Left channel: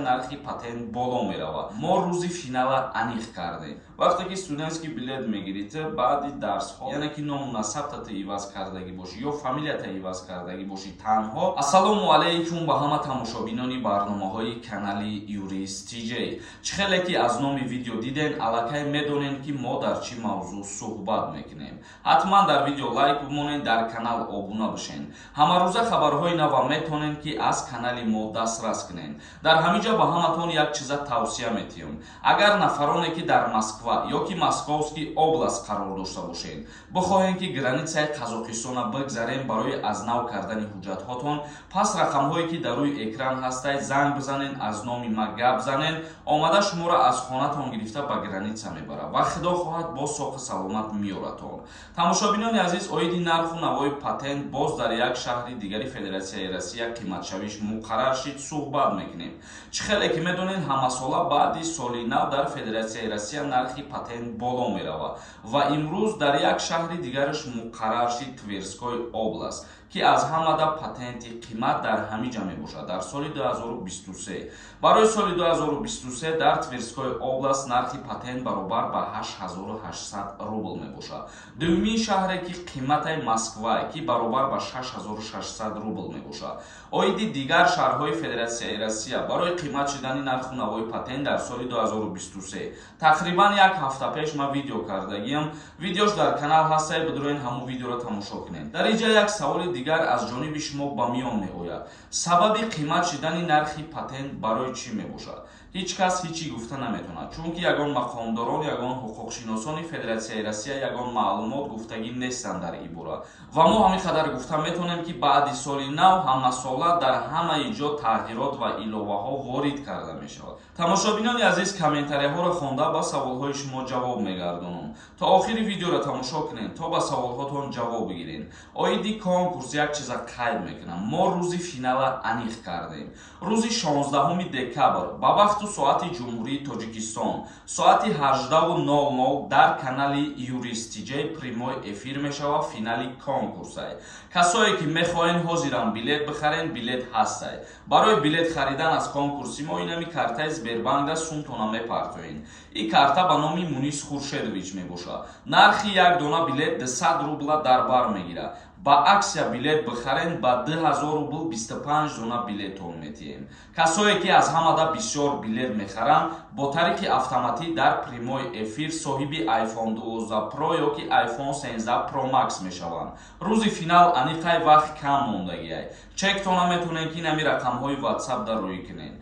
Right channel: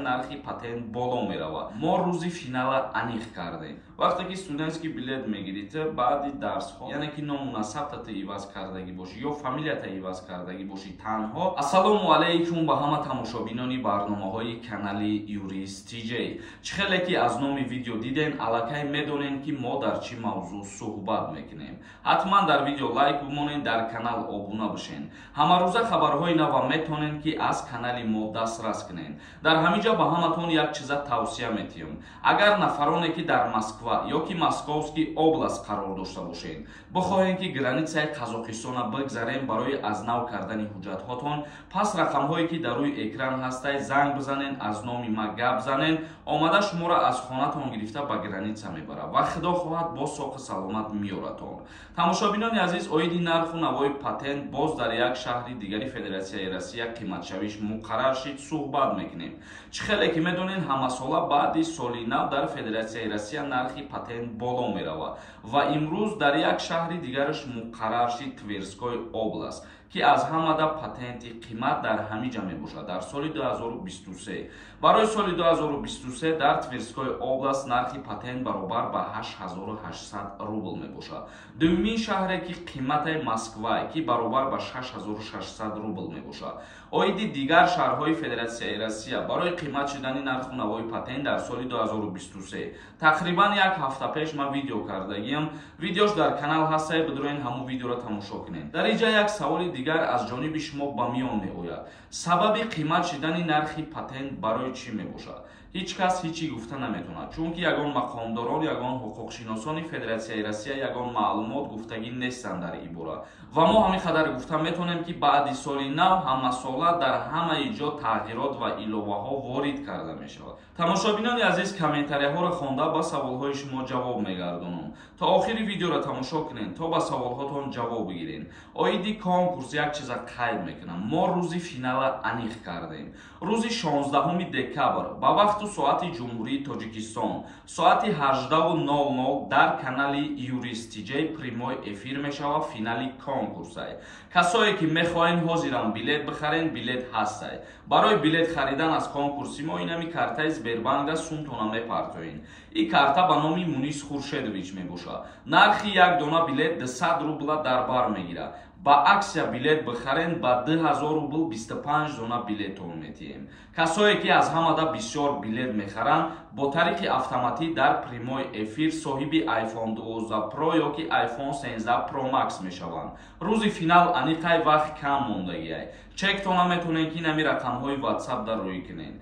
нархи патент боло мерава. мо рӯзи финала аниқ кардем. вақте ки студентский билет мегирид баъди дарсҳо, яъне ки номуна сабтата иваз кардагӣ бошӣ ё фамилията иваз кардагӣ бошӣ танҳо. ассалому алайкум ба ҳама тамошобинони барномаҳои канали Юрист TJ. чӣ хеле ки аз номи видео диден, аллакай медонен ки мо дар чӣ мавзӯъ суҳбат мекунем. ҳатман дар видео лайк бимонед, дар канал обуна бишен. ҳамарӯза хабарҳои нав метонен ки аз канали мо дастрас кунен. дар ҳаминҷа ба ҳаматон як чиза тавсия метиҳам. агар нафароне ки дар Москва ё ки Московский област қарор дошта бошед, бихоҳем ки границаи Қазоқистона бигзарем барои аз нав кардани ҳуҷҷатҳотон, пас рақамҳое ки дар рӯи экран ҳастаи занг бизанен, аз номи ма гап занен, омада шуморо аз хонатон гирифта ба граница мебарад ва худо хоҳад бо соқи саломат миёратон. тамошобинони азиз, оиди нарху навои патент боз дар як шаҳри дигари Федератсияи Россия қиматшавиш муқаррар шид суҳбат мекунем. чӣ хеле ки медонен, ҳамасола баъди соли нав дар Федератсияи Россия нархи патент боло мерава ва имрӯз дар як шаҳри дигараш муқаррар шид Тверской област, ки аз ҳамада патенти қимат дар ҳамиҷа мебошад. дар соли 2023 барои соли 2023 дар Тверской област нархи патент баробар ба 8800 рубл мебошад. дуюмин шаҳре ки қиматаи Москва ки баробар ба 6600 рубл мебошад. оиди дигар шаҳрҳои Федератсияи Россия барои қимат шидани нарху навои патент дар соли 2023 тақрибан як ҳафта пеш ман видео кардагиам. видеош дар канал ҳастае, бидурен ҳамун видеоро тамошо кунед. дар инҷа як саволи дигар аз ҷониби шумо ба миён меояд. сабаби қимат шидани нархи патент барои чӣ мебошад? ҳеҷ кас ҳечӣ гуфта наметавонад, чунки ягон мақомдорон, ягон ҳуқуқшиносони Федератсияи Россия ягон маълумот гуфтагӣ нестанд дар ин бора. ва мо ҳамин қадар гуфта метавонем ки баъди соли нав ҳамасола дар ҳамаи ҷо тағйирот ва иловаҳо ворид карда мешавад. тамошобинони азиз, комментарияҳоро хонда ба саволҳои шумо ҷавоб мегардонам. то охири видеоро тамошо кунед, то ба саволҳотон ҷавоб бигиред. оиди конкурс як чиза қайд мекунам. мо рӯзи финала аниқ кардем. рӯзи 16 декабр ба вақту соати ҷумҳурии Тоҷикистон соати 18:00 дар канали Юрист TJ прямой эфир мешавад финали конкурсай. касое ки мехоҳен ҳозиран билет бихарен, билет ҳастай. барои билет харидан аз конкурси мо инами картаи Сбербанка сумтона мепартоен. ин карта ба номи Мунис Хуршедович мебошад. нархи як дона билет 200 рубла дар бар мегирад. ба аксия билет бихарен ба 2000 рубл 25 дона билетон метиҳем. касое ки аз ҳамада бисёр билет мехаранд, бо тариқи автоматӣ дар прямой эфир соҳиби iPhone 12 Pro ё ки iPhone 13 Pro Max мешаванд. рӯзи финал аниқай вақт кам мондагиай. чектона метонен ки нами рақамҳои WhatsApp дар рӯй кунен.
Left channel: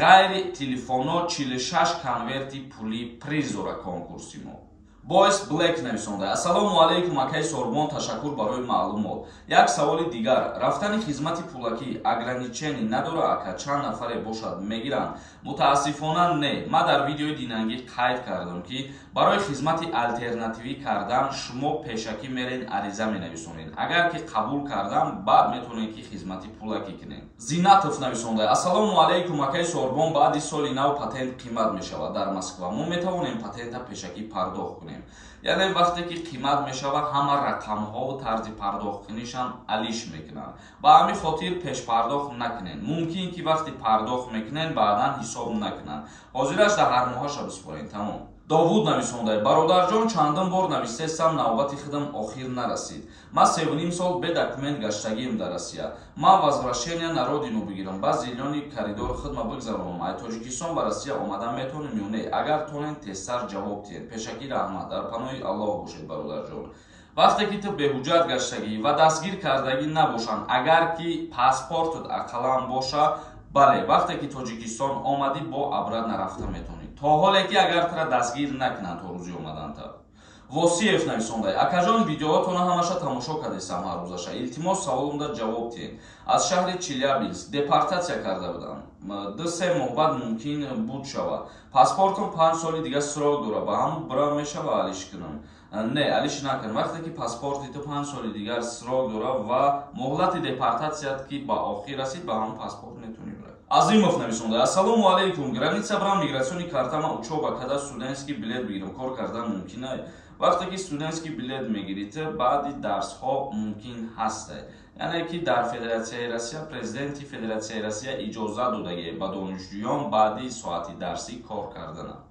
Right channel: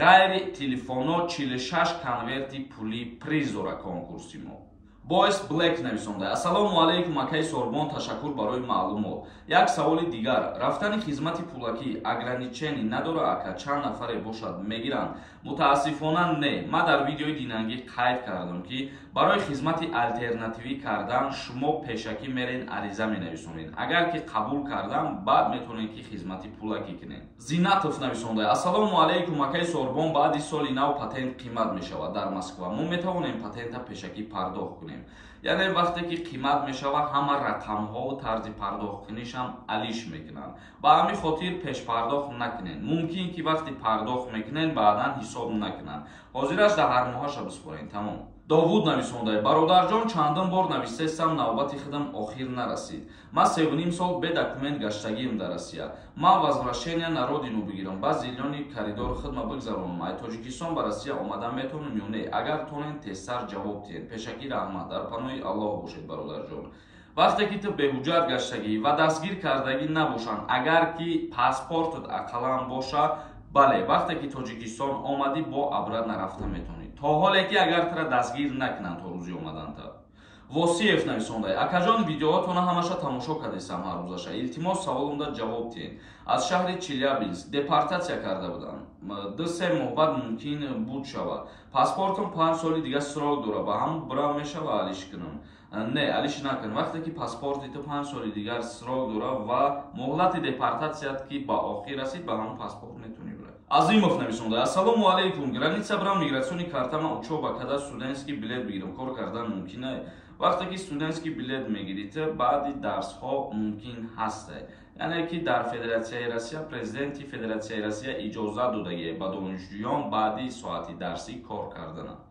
ғайри телефоно 46 конверти пули приз дора конкурси мо. Boys Black нависонда. Ассалому алайкум акай Сорбон, ташаккур барои маълумот. як саволи дигар, рафтани хизмати пулакӣ ограничени надора ака чанд нафаре бошад мегиранд? мутаассифона не. ма дар видеои динангӣ қайд кардам ки барои хизмати алтернативӣ кардан шумо пешакӣ мерен, ариза менависонед. агар ки қабул кардам, баъд метавонед ки хизмати пулакӣ кунед. Зинатов нависонда. Ассалому алайкум акай Сорбон, баъди соли нав патент қимат мешавад дар Москва. мо метавонем патента пешакӣ пардохт кунем. яъне вақте ки қимат мешавад, ҳама рақамҳову тарзи пардохт кунишам алиш мекунанд. ба ҳамин хотир пешпардохт накунед. мумкин ки вақти пардохт мекунед баъдан ҳисоб накунанд. ҳозираш дар ҳар моҳаша бисупоред. тамом. Довуд нависондай. бародарҷон, чандин бор навистестам, навбати худам охир нарасид. ман 3,5 сол бе документ гаштагиам дар Россия. ман возвращение на родину бигирам, ба зелёни коридор худма бигзаронам. ай Тоҷикистон ба Россия омадан метавонем ё не? агар тонен тезтар ҷавоб диҳед. пешакӣ раҳмат. дар паноҳи Аллоҳ бошед бародарҷон. вақте ки ту беҳуҷҷат гаштагӣ ва дастгир кардагӣ набошанд, агар ки паспортат ақаллан боша, бале, вақте ки Тоҷикистон омадӣ бо абрат нарафта метавонӣ. то ҳоле ки агар тра дастгир накунанд то рӯзи омаданта. восиев нависондай. акаҷон, видеоҳотона ҳамаша тамошо кардесам ҳар рӯзаша. илтимос саволумда ҷавоб диҳед. аз шаҳри Челябинск депортатсия карда будам. 2-3 моҳ баъд мумкин буд шавад. паспортум 5 соли дигар срок дора. ба ҳамун бирам мешава алиш кунам? не, алиш накун. вақте ки паспорти ту 5 соли дигар срок дора ва муҳлати депортатсият ки ба охир расид, ба ҳамун паспорт метавонӣ бирад. Азимов нависонда. Ассалому алейкум. Граница брам миграциони картама учоба када студентский билет бигирам. Кор кардан мумкин ай? вақте ки студентский билет мегирид, баъди дарсҳо мумкин ҳаст. яъне ки дар Федератсияи Россия президенти Федератсияи Россия иҷозат додагӣ ба донишҷӯён баъди соати дарсӣ кор кардананд.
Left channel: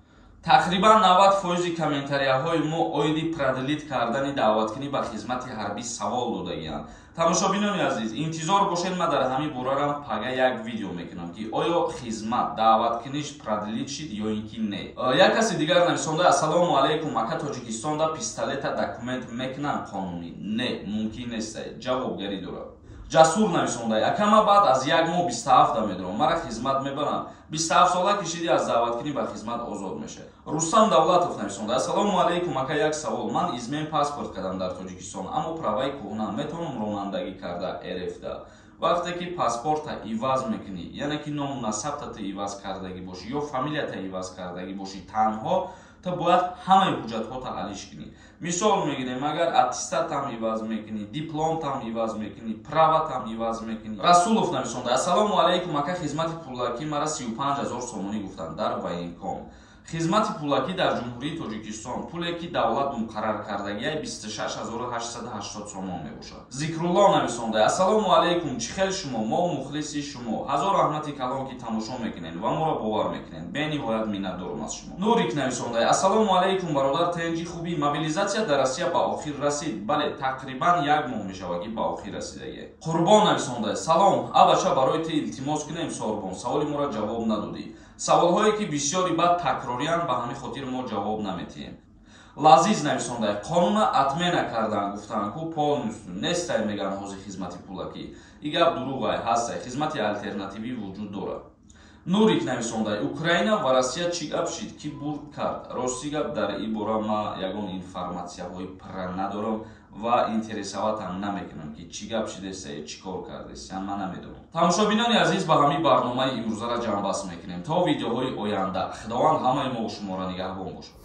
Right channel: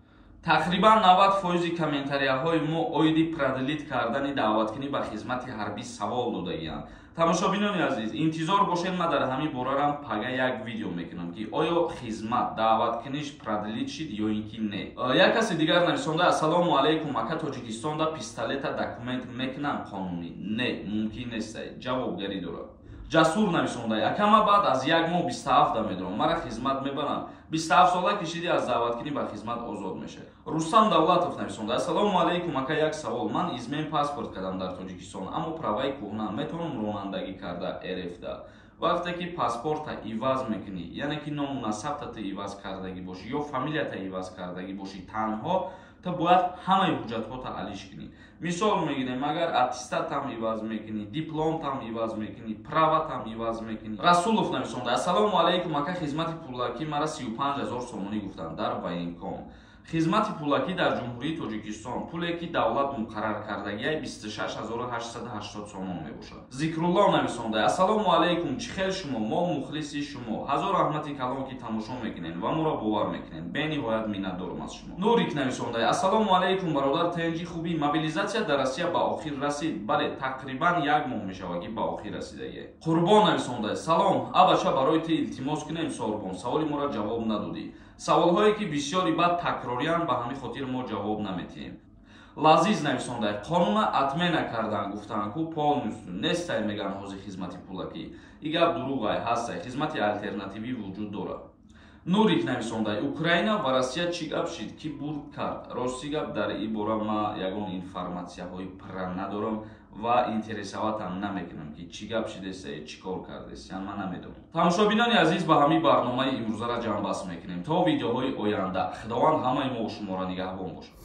тақрибан 90% комментарияҳои мо оиди продлит кардани даъваткунӣ ба хизмати ҳарбӣ савол додагиянд. тамошобинони азиз, интизор бошед, ман дар ҳамин борарам пага як видео мекунам ки оё хизмат даъваткуниш продлит шид ё ин ки не. як каси дигар нависонда: ассалому алайкум, ака Тоҷикистонда пистолета документ мекунанд қонунӣ? Не, мумкин нест. ҷавобгарӣ дорад. ҷасур нависонда: акама баъд аз як моҳ 27 медорам, мара хизмат мебаранд. 27 сола кишидӣ, аз даъваткунӣ ба хизмат озод мешавад. Рустам Давлатов нависонда: ассалому алайкум, ака як савол. Ман измен паспорт кардам дар Тоҷикистон, аммо праваи кӯҳна, метавонам ронандагӣ карда РФда. вақте ки паспорта иваз мекунӣ, яъне ки ному насабтата иваз кардагӣ бошӣ ё фамилията иваз кардагӣ бошӣ, танҳо то бояд ҳамаи ҳуҷҷатҳота алиш кунӣ. мисол мегирем, агар аттестатам иваз мекунӣ, дипломтам иваз мекунӣ, праватам иваз мекунӣ. Расулов нависонда: ассалому алайкум, ака хизмати пулакӣ мара 35 000 сомонӣ гуфтанд дар военком. хизмати пулакӣ дар ҷумҳурии Тоҷикистон пуле ки давлат муқаррар кардагияй 26 880 сомон мебошад. Зикрулло нависонда: ассалому алайкум, чӣ хел шумо, мо мухлиси шумо, ҳазор раҳмати калон ки тамошо мекунед ва моро бовар мекунед, бениҳоят миннатдорам аз шумо. Нурик нависонда: ассалому алайкум бародар Тенҷи, хубӣ? Мобилизатсия дар Россия ба охир расид? Бале, тақрибан як моҳ мешавад ки ба охир расидагиай. Қурбон нависонда: салом, абача барои ту илтимос кунем Сорбон, саволи моро ҷавоб надодӣ. саволҳое ки бисёри баъд такрориянд, ба ҳамин хотир мо ҷавоб наметиҳем. Лазиз нависонда: қонуна атмена кардан гуфтанд ку полностью нестай меган ҳозир хизмати пулакӣ. И гап дурӯғай, ҳастай, хизмати алтернативӣ вуҷуд дорад. Нурик нависонда: Украина ва Россия чӣ гап шид ки бурд кард? Рости гап дар ин бора ман ягон информатсияҳои пурра надорам ва интересаватам намекунам ки чӣ гап шидест, чӣ кор кардест, ман намедонам. тамошобинони азиз, ба ҳамин барномаи имрӯзара ҷамъбаст мекунем. То видеоҳои оянда, худованд ҳамаи мо шуморо нигаҳбон бошад.